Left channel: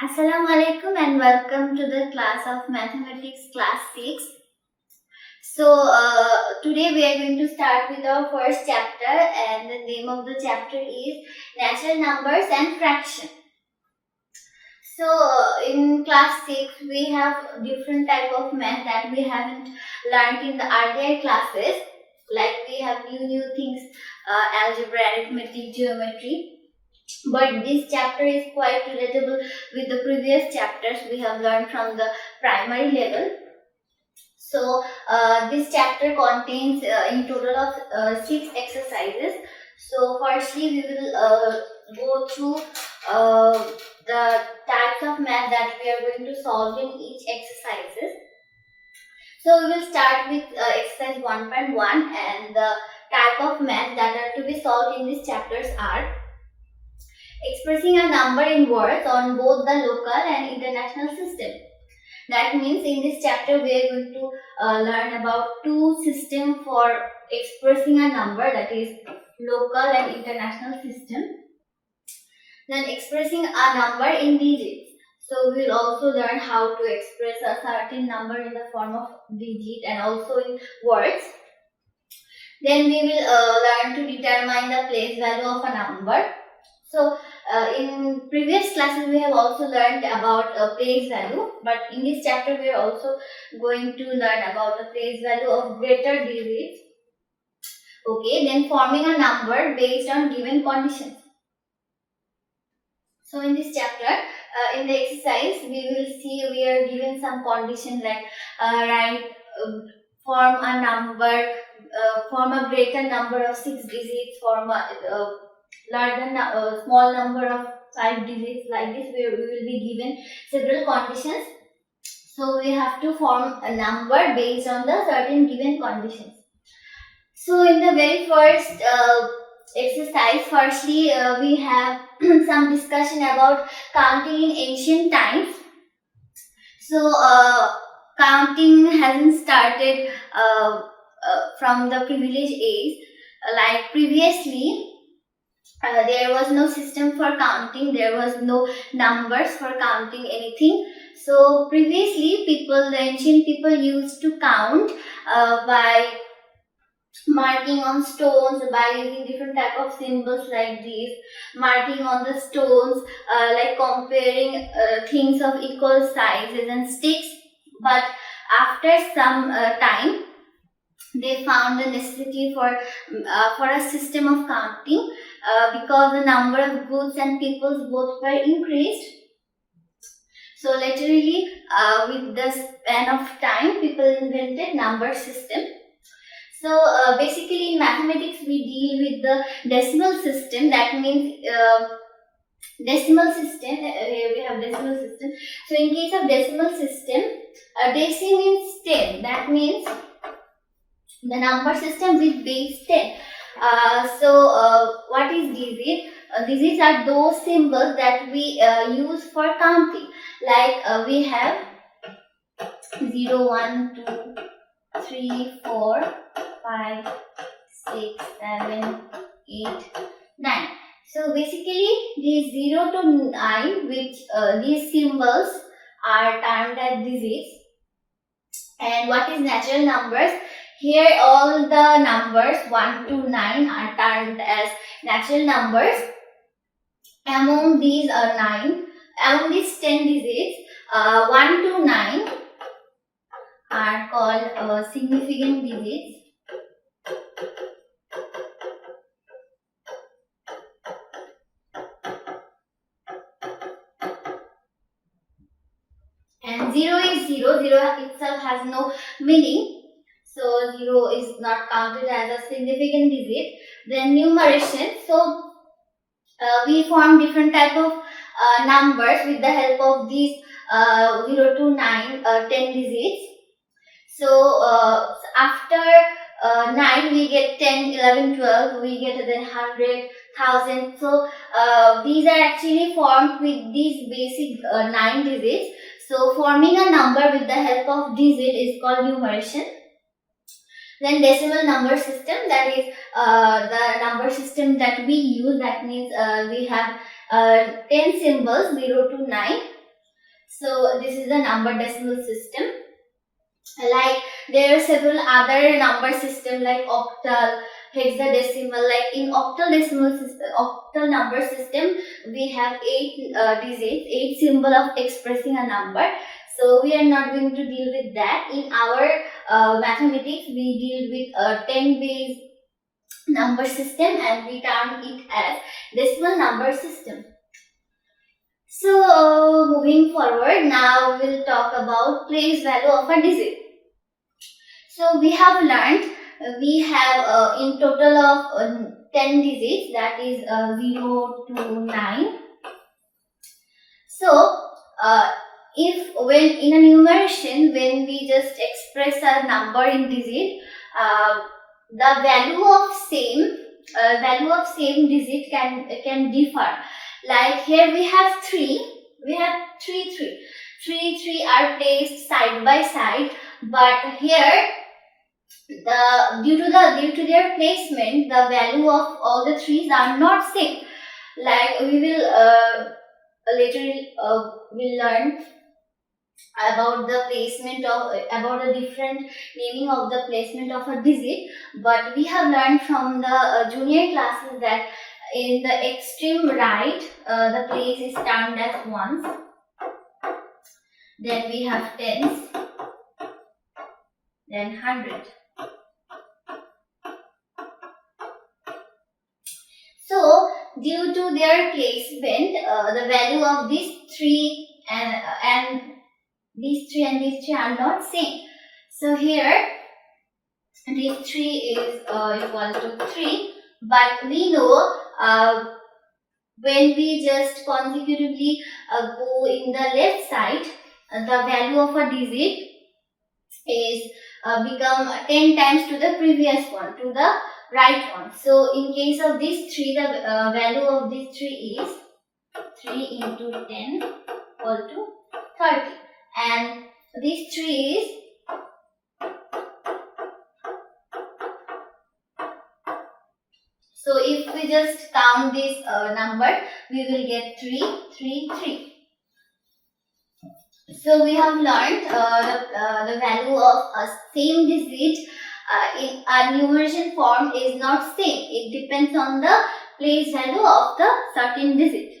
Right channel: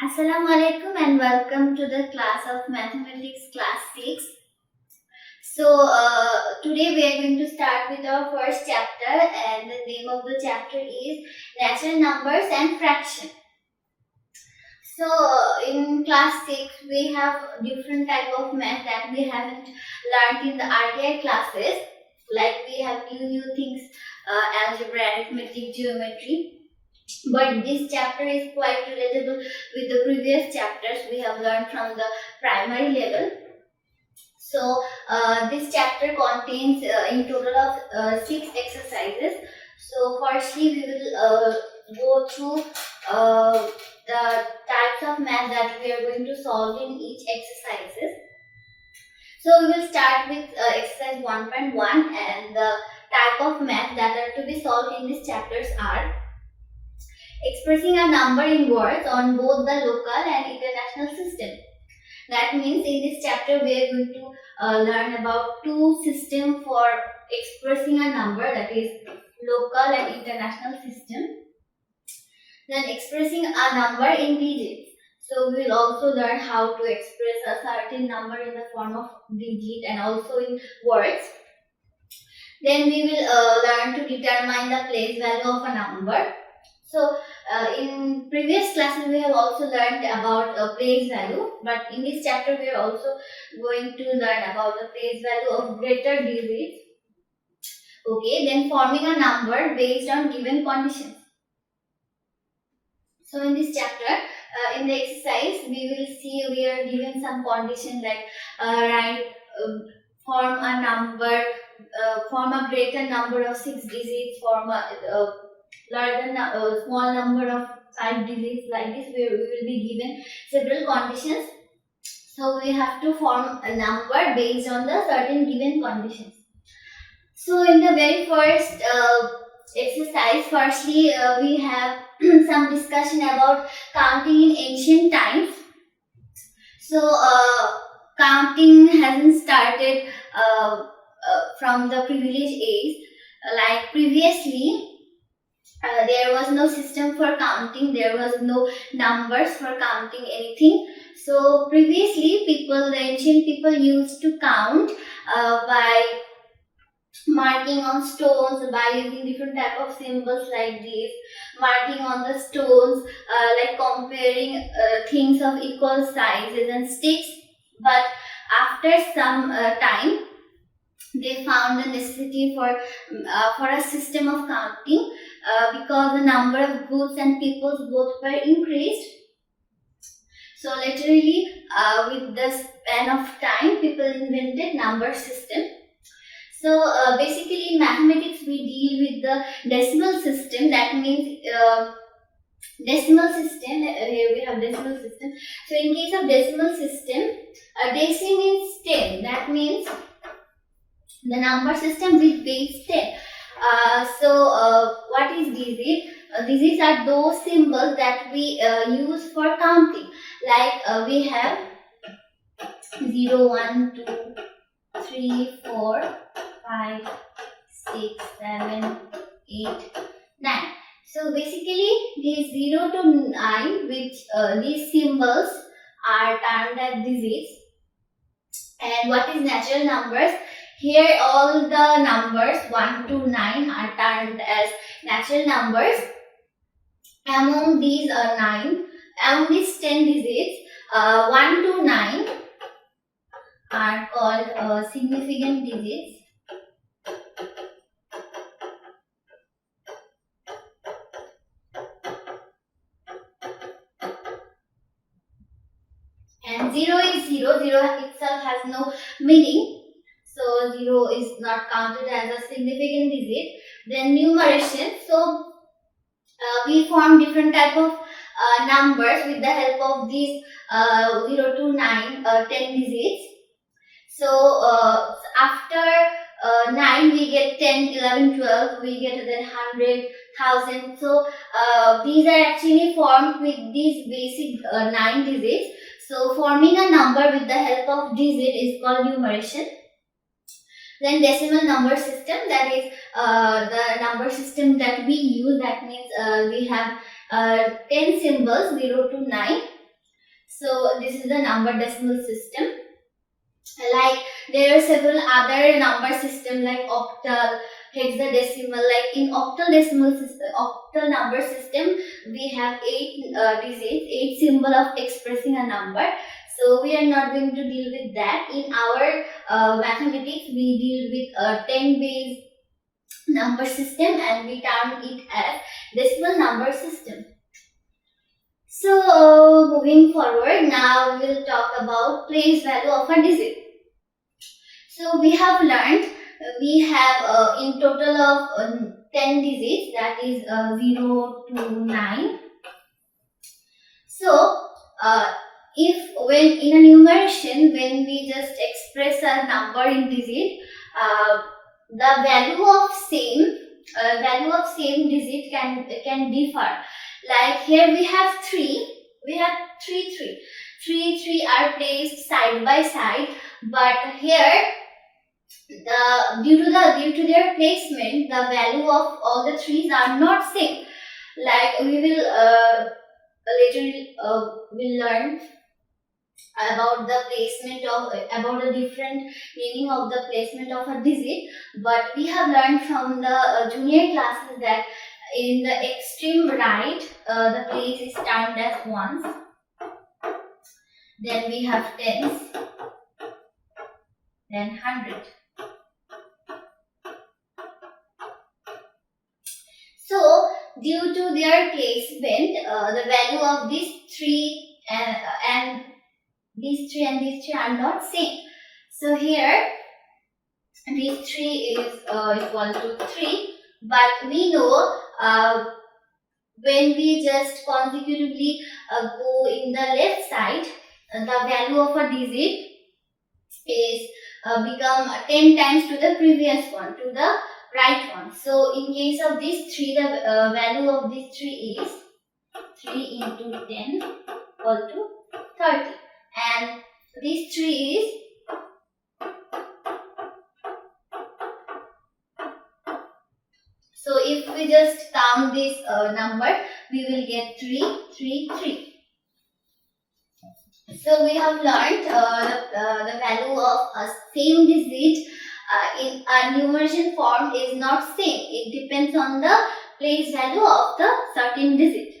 Assalamu alaikum and welcome to the class of mathematics class 6. Today we are going to start with our first chapter, and the name of the chapter is natural numbers and fraction. In class 6 we have different type of math that we haven't learned in the earlier classes, like we have new things, algebra, arithmetic, geometry. But this chapter is quite relatable with the previous chapters we have learned from the primary level. This chapter contains in total of 6 exercises. So firstly we will go through the types of math that we are going to solve in each exercises. So we will start with exercise 1.1, and the type of math that are to be solved in these chapters are expressing a number in words on both the local and international system. That means in this chapter we are going to learn about two systems for expressing a number, that is local and international system. Then expressing a number in digits. So we will also learn how to express a certain number in the form of digit and also in words. Then we will learn to determine the place value of a number. So in previous classes we have also learned about place value, but in this chapter we are also going to learn about the place value of greater digits. Okay, then forming a number based on given conditions. So in this chapter, in the exercise, we will see we are given some condition like form a number, form a greater number of 6 digits, form a small number of 5 digits. Like this we will be given several conditions. So we have to form a number based on the certain given conditions. So in the very first exercise, firstly we have some discussion about counting in ancient times. So counting hasn't started from the privileged age. Like previously there was no system for counting, there was no numbers for counting anything. So previously the ancient people used to count by marking on stones, by using different type of symbols like these, marking on the stones, like comparing things of equal sizes and sticks. But after some time they found the necessity for a system of counting, because the number of goods and peoples both were increased. So literally with the span of time people invented number system. So basically in mathematics we deal with the decimal system. That means decimal system, here we have decimal system. So in case of decimal system, deci means 10. That means the number system with base 10. What is digit? Digits are those symbols that we use for counting. Like we have 0, 1, 2, 3, 4, 5, 6, 7, 8, 9. So basically these 0 to 9, which these symbols are termed as digits. And what is natural numbers? Here all the numbers 1 to 9 are termed as natural numbers. Among these 10 digits, 1 to 9 are called significant digits. And 0 is 0. 0 itself has no meaning. So 0 is not counted as a significant digit. Then numeration. So we form different type of numbers with the help of these 0 to 9, 10 digits. So after 9 we get 10, 11, 12, we get then 100, 1000. So these are actually formed with these basic 9 digits. So forming a number with the help of digit is called numeration. Then decimal number system, that is the number system that we use. That means we have 10 symbols 0 to 9. So this is the number decimal system. Like there are several other number system like octal, hexadecimal. Like in octal number system, we have 8 digits, 8 symbol of expressing a number. So we are not going to deal with that. In our mathematics, we deal with 10 base number system, and we term it as decimal number system. So moving forward, now we will talk about place value of a digit. So we have learned we have in total of 10 digits, that is 0 to 9. So if when in a numeration, when we just express a number in digit, the value of same digit can differ. Like here we have 3, three are placed side by side, but here due to their placement, the value of all the threes are not same. Like we will later will learn about the placement of about the different meaning of the placement of a digit, but we have learned from the junior classes that in the extreme right the place is termed as ones, then we have tens, then 100. So due to their placement, the value of these three and these three are not same. So here these 3 is equal to 3, but we know when we just consecutively go in the left side, the value of a digit is become 10 times to the previous one, to the right one. So in case of these 3, the value of these 3 is 3 into 10 equal to 30, and these 3 is so if we just count this number, we will get 3. So we have learned the value of a same digit in a numeration form is not same. It depends on the place value of the certain digit.